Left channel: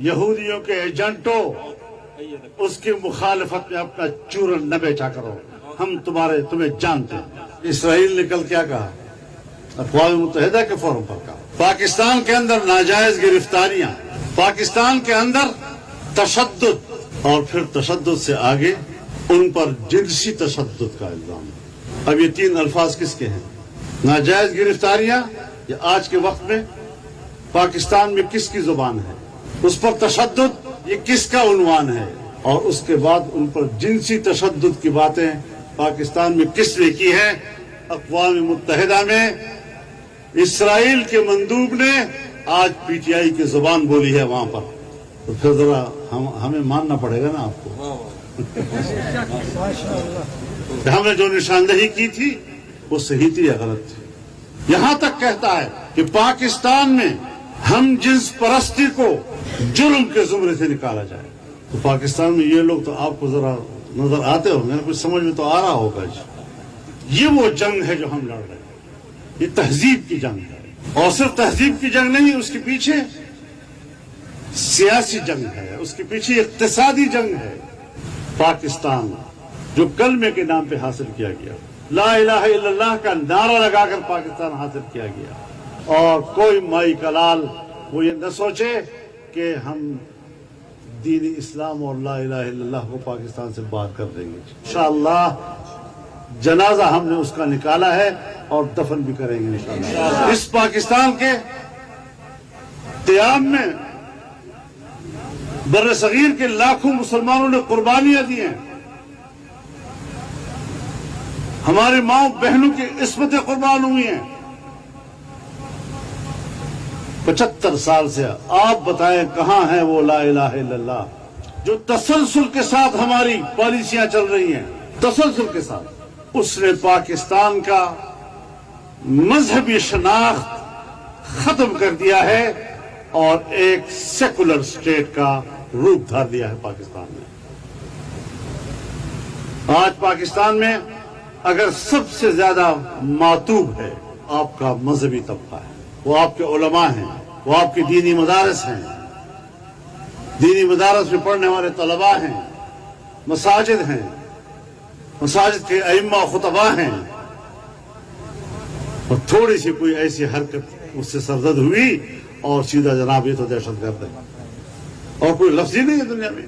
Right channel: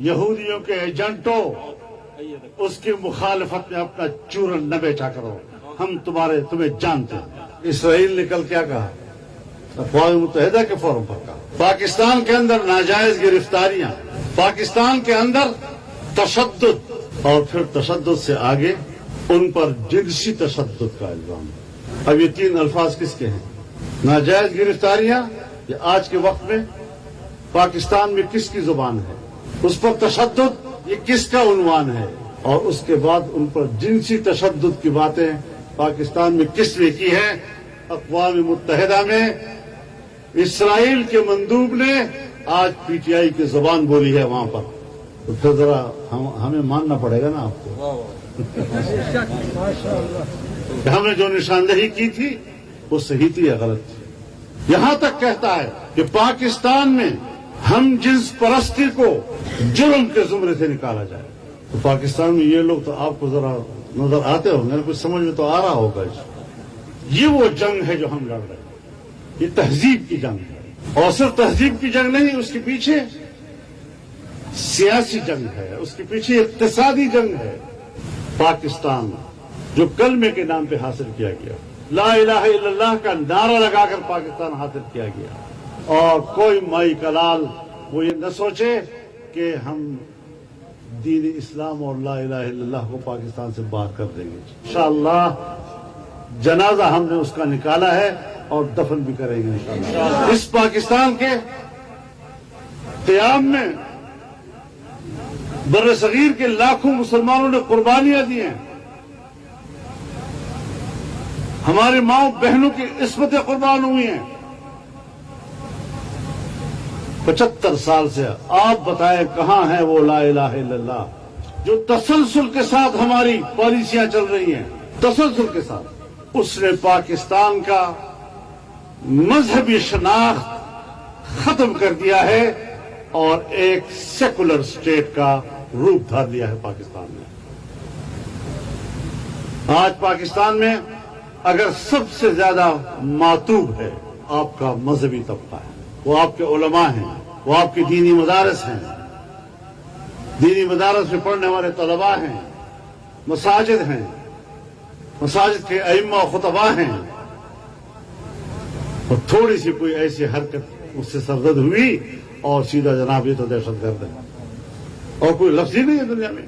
یہودیوں کے ایجنٹوں اس کی مخالفت میں اپنا چورن نہ بیچا کرو، ہم تمہیں جانتے ہیں۔ اسرائیل نے کل کیا کہا؟ اقوام متحدہ کے فورم پر کہا پاکستان کے اندر ناجائز گرفتاریاں، پاکستان کے اندر تشدد، اور پھر تشدد سے آگے ان پر جنسی تشدد کا الزام ہے۔ اب یہ تین الفاظ کس کے ہیں؟ ناجائز گرفتاریاں، یہ آج کے وقت میں پاکستان میں کس کی زبان ہے؟ اس پر تشدد، یہ کس کا عنوان ہے؟ اور اس کے بعد ان پر جنسی تشدد کی باتیں پاکستان میں کس نے کی ہے؟ اقوام متحدہ میں اسرائیل کے مندوب نے آج پی ٹی آئی کی زبان بولی ہے وہاں پر، تو پھر ذرا ہمیں ماننا پڑے گا نا آپ کو۔ ہمیں جو نشاندہی کی تھی وہ صحیح تھی یا غلط تھی؟ یہاں تک کہتا ہے کہ پاکستان میں ہم جنس پرستی کو جرم کے زمرے سے نکالا جائے۔ تو پاکستان میں یہ لوگ تو آپ کو ذرا نظر آتے ہوں گے، کچھ سمجھ میں تو آ رہا ہوگا۔ یہ وہ جنگ ہے جو ہم لڑ رہے ہیں، یہ تہذیب کی جنگ ہے، اور صرف تہذیب کی جنگ نہیں، اس کے پیچھے سیاسی جنگ ہے، اس کے پیچھے اقتصادی جنگ ہے۔ پاکستان جو کلمے کے نام پہ حاصل کیا گیا، لا الہ الا اللہ کا نعرہ لگا کر پاکستان حاصل کیا گیا، اور کوئی مائی کلال وہ یہ نہ سوچے کہ ہم دین اسلام اور لا الہ الا اللہ کو پاکستان سے باہر کر دیں گے۔ انشاءاللہ جنازہ ہم نے اس کا نکالا ہے اور دفن بھی کریں گے انشاءاللہ۔ اس پاکستان کے قیام میں بر صغیر کے لاکھوں مسلمانوں نے قربانیاں دی ہیں، ہمارے ماں بہنوں کی عصمتیں قربان ہوئی ہیں۔ 75 سال سے آپ بتائیں کہاں ہے وہ لا الہ الا اللہ جو تسلسل کے ساتھ ہماری پالیسیاں چل رہی ہیں، تسلسل کے ساتھ۔ اس نے پاکستان کا مذہبی شناخت ختم کر دیا ہے اور ایک سیکولر اسٹیٹ کا روپ دھار لیا ہے پاکستان میں۔ آج پاکستان میں اگر سب سے زیادہ معتوب ہے آپ کا مذہبی طبقہ ہے، وہ آپ کے علماء ہیں، وہ آپ کے دینی مدارس ہیں، دینی مدارس میں پڑھنے والے طلباء ہیں، مساجد ہیں، مساجد کے ائمہ و خطباء ہیں، اور تھوڑی سی کوئی ایسی حرکت اس سے سرزد ہوئی اور سیدھا جناب یہ تو دہشت گرد ہے، اور کوئی لفظ ہی نہیں ہے دنیا میں۔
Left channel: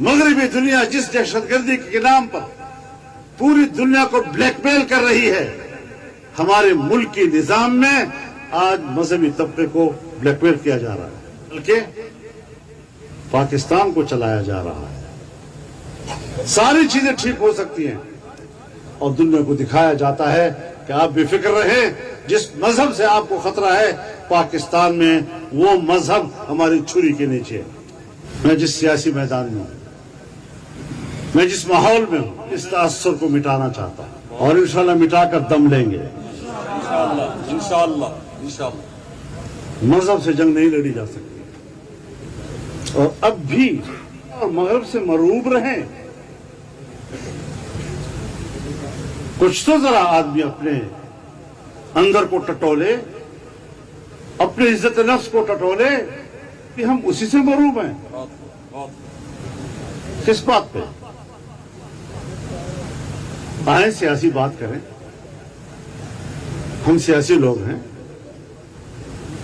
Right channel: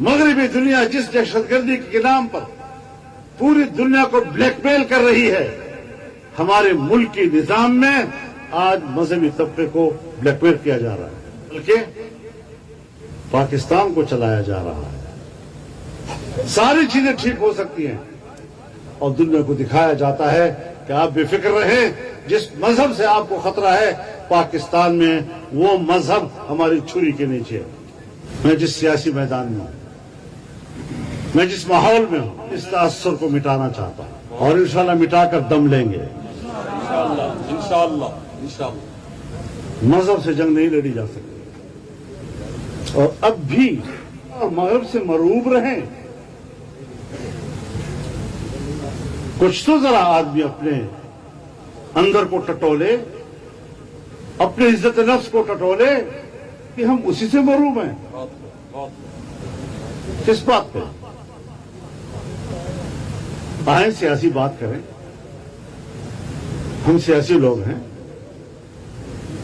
مغربی دنیا جس دہشت گردی کے نام پر پوری دنیا کو بلیک میل کر رہی ہے، ہمارے ملک کے نظام میں آج مذہبی طبقے کو بلیک میل کیا جا رہا ہے، بلکہ پاکستان کو چلایا جا رہا ہے۔ ساری چیزیں ٹھیک ہو سکتی ہیں اور دنیا کو دکھایا جاتا ہے کہ آپ بے فکر رہیں، جس مذہب سے آپ کو خطرہ ہے پاکستان میں وہ مذہب ہماری چھری کے نیچے ہے۔ میں جس سیاسی میدان میں ہوں، میں جس ماحول میں ہوں، اس تاثر کو مٹانا چاہتا ہوں، اور انشاءاللہ مٹا کر دم لیں گے انشاءاللہ۔ مذہب سے جنگ نہیں لڑی جا سکتی، اور اب بھی مذہب سے مرعوب رہیں۔ کچھ تو ذرا آدمی اپنے اندر کو ٹٹولے، اپنے عزت نفس کو ٹٹولے کہ ہم اسی سے مرعوب ہیں۔ کس بات پہ؟ آئیں سیاسی بات کریں، ہم سیاسی لوگ ہیں،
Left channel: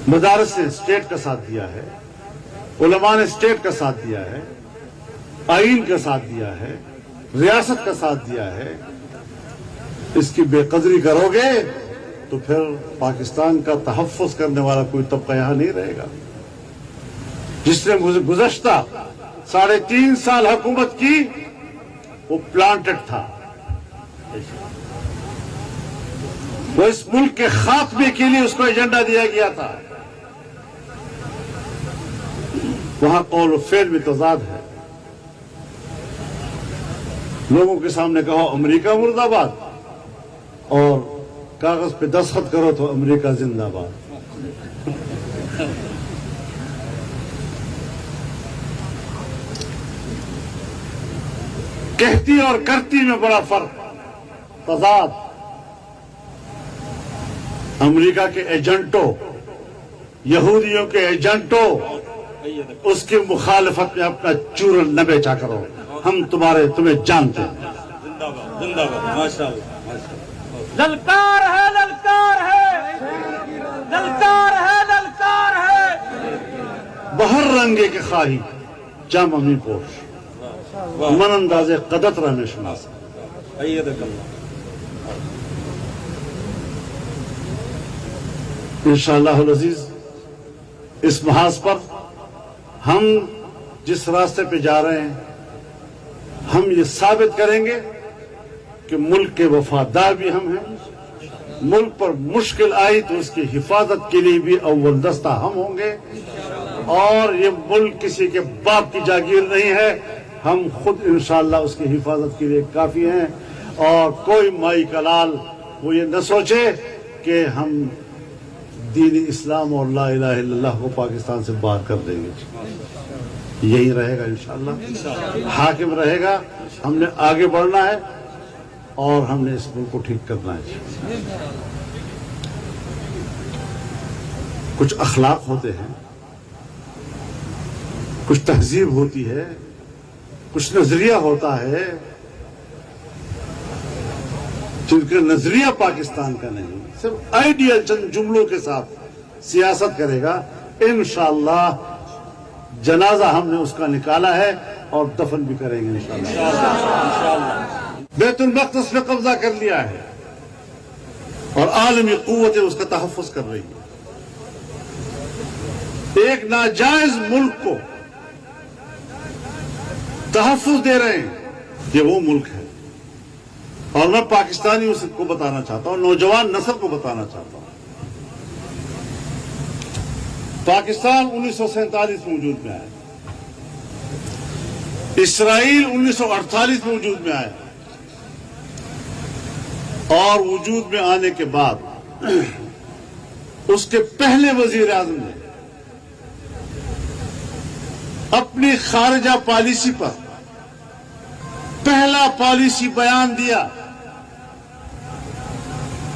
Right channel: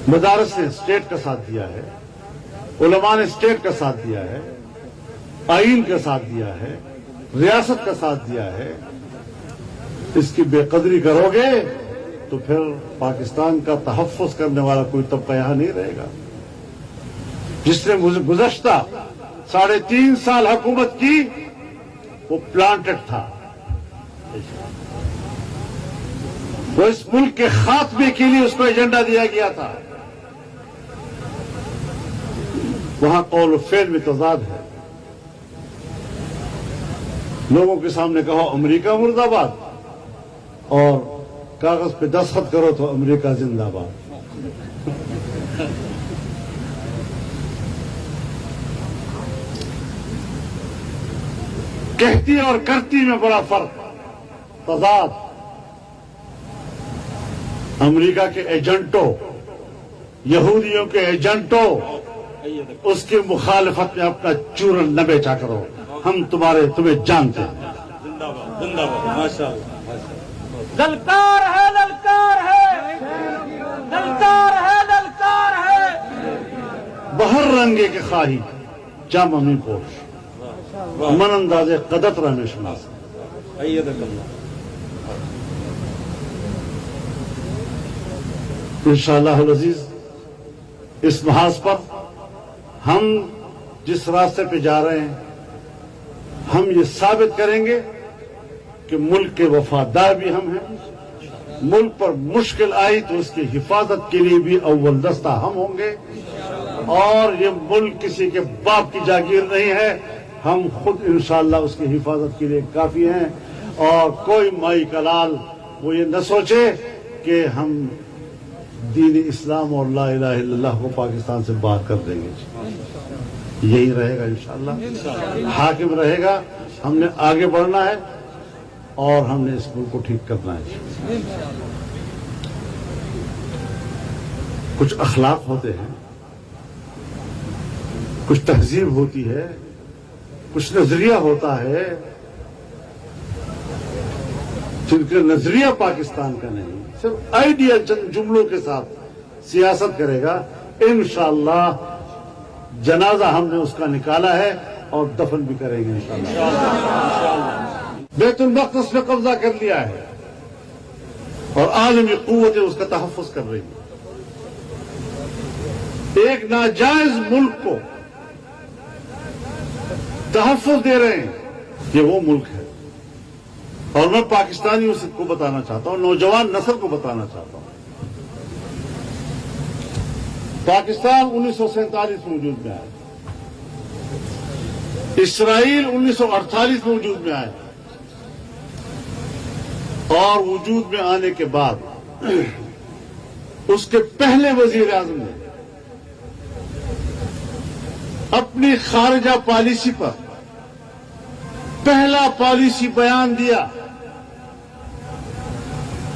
مدارس نے اسٹیٹ کا ساتھ دیا ہے، علماء نے اسٹیٹ کا ساتھ دیا ہے، آئین کا ساتھ دیا ہے، ریاست کا ساتھ دیا ہے۔ اس کی بے قدری کرو گے تو پھر پاکستان کا تحفظ کرنے والا کوئی طبقہ یہاں نہیں رہے گا۔ جس نے گزشتہ 3.5 سال حکومت کی وہ پلانٹڈ تھا، وہ اس ملک کے خاتمے کے لیے اس کو ایجنڈا دیا گیا تھا۔ وہاں قول و فعل میں تضاد ہے۔ لوگوں کے سامنے کہا امریکہ مرد آباد، اور کاغذ پہ دستخط کرو تو امریکہ زندہ باد۔ کہتی اور کرتی میں بڑا فرق، تضاد۔ امریکہ کے ایجنٹوں، یہودیوں کے ایجنٹوں اس کی مخالفت میں اپنا چورن نہ بیچا کرو. ہم تمہیں جانتے ہیں. للکار ہے للکار ہے للکار ہے للکار ہے. بہر رنگے کے خواہی جام می پوش من انداز قدت رہنے شناس. انشاءاللہ العزیز اس محاذ پر ہم جس راستے پہ جا رہے ہیں ہم یہ ثابت کریں گے کہ ملک کے وفادار بھی ہم ہیں. ملک پر مشکل آئی تو اس کی حفاظت کے لیے بھی اول دستہ ہم ہوں گے. اور یہ ملک کسی کے باپ کی جاگیر نہیں ہے. ہم خود انشاءاللہ اس کی حفاظت کے لیے کافی ہیں. اور کوئی مائی کا لال وہ یہ نہ سوچے کہ ہم دین اسلام اور لا الہ الا اللہ کو پاکستان سے باہر کر دیں گے. یہی رہے گا انشاءاللہ. حاکم رہے گا. ہم نے آگے بڑھنا ہے اور ہم نے اس ملک کو ٹھیک کرنا ہے. کچھ اخلاق ہوتے ہیں, کچھ تہذیب ہوتی ہے, کچھ نظریہ ہوتا ہے جن کا نظریہ پاکستان کا نہیں, صرف آئیڈیا چند جملوں کے ساتھ سیاست کرے گا. انشاءاللہ جنازہ ہم نے اس کا نکالا ہے اور دفن بھی کریں گے انشاءاللہ. بیت المقدس میں قبضہ کر لیا ہے اور عالمی قوتیں اس کا تحفظ کر رہی ہیں. ایک ناجائز ملک کو تحفظ دے رہے ہیں. یہ وہ ملک ہے. اور میں پاکستانیوں کو بتانا چاہتا ہوں, نوجوان نسل کو بتانا چاہتا ہوں, پاکستان 1947 میں وجود میں آیا, اسرائیل 1948 میں وجود میں آیا, اور وجود میں آنے کے بعد اس کے پہلے وزیر اعظم نے اپنی خارجہ پالیسی پر پہلا پالیسی بیان دیا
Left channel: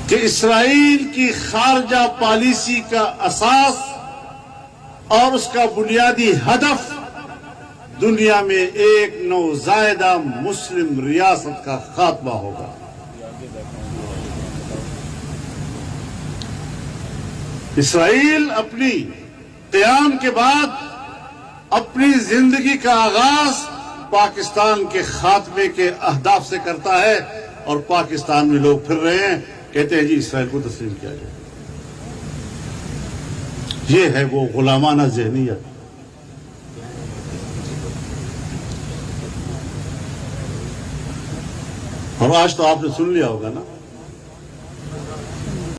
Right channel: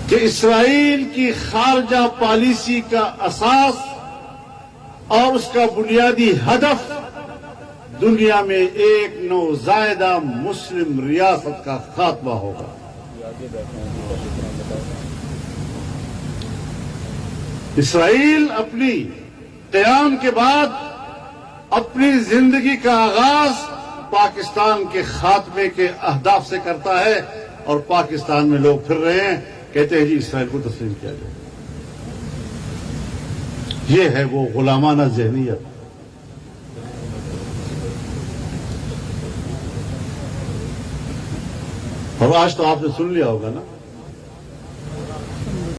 کہ اسرائیل کی خارجہ پالیسی کا اساس اور اس کا بنیادی ہدف دنیا میں ایک نوزائیدہ مسلم ریاست کا خاتمہ ہوگا. اسرائیل اپنی قیام کے بعد اپنی زندگی کا آغاز پاکستان کے خاتمے کے اہداف سے کرتا ہے, اور پاکستان میں لوگ پھر رہے ہیں کہتے ہیں جی اسرائیل کو تسلیم کیا جائے. یہ ہے وہ غلامانہ ذہنیت. اور آج تو آپ نے سن لیا ہوگا نا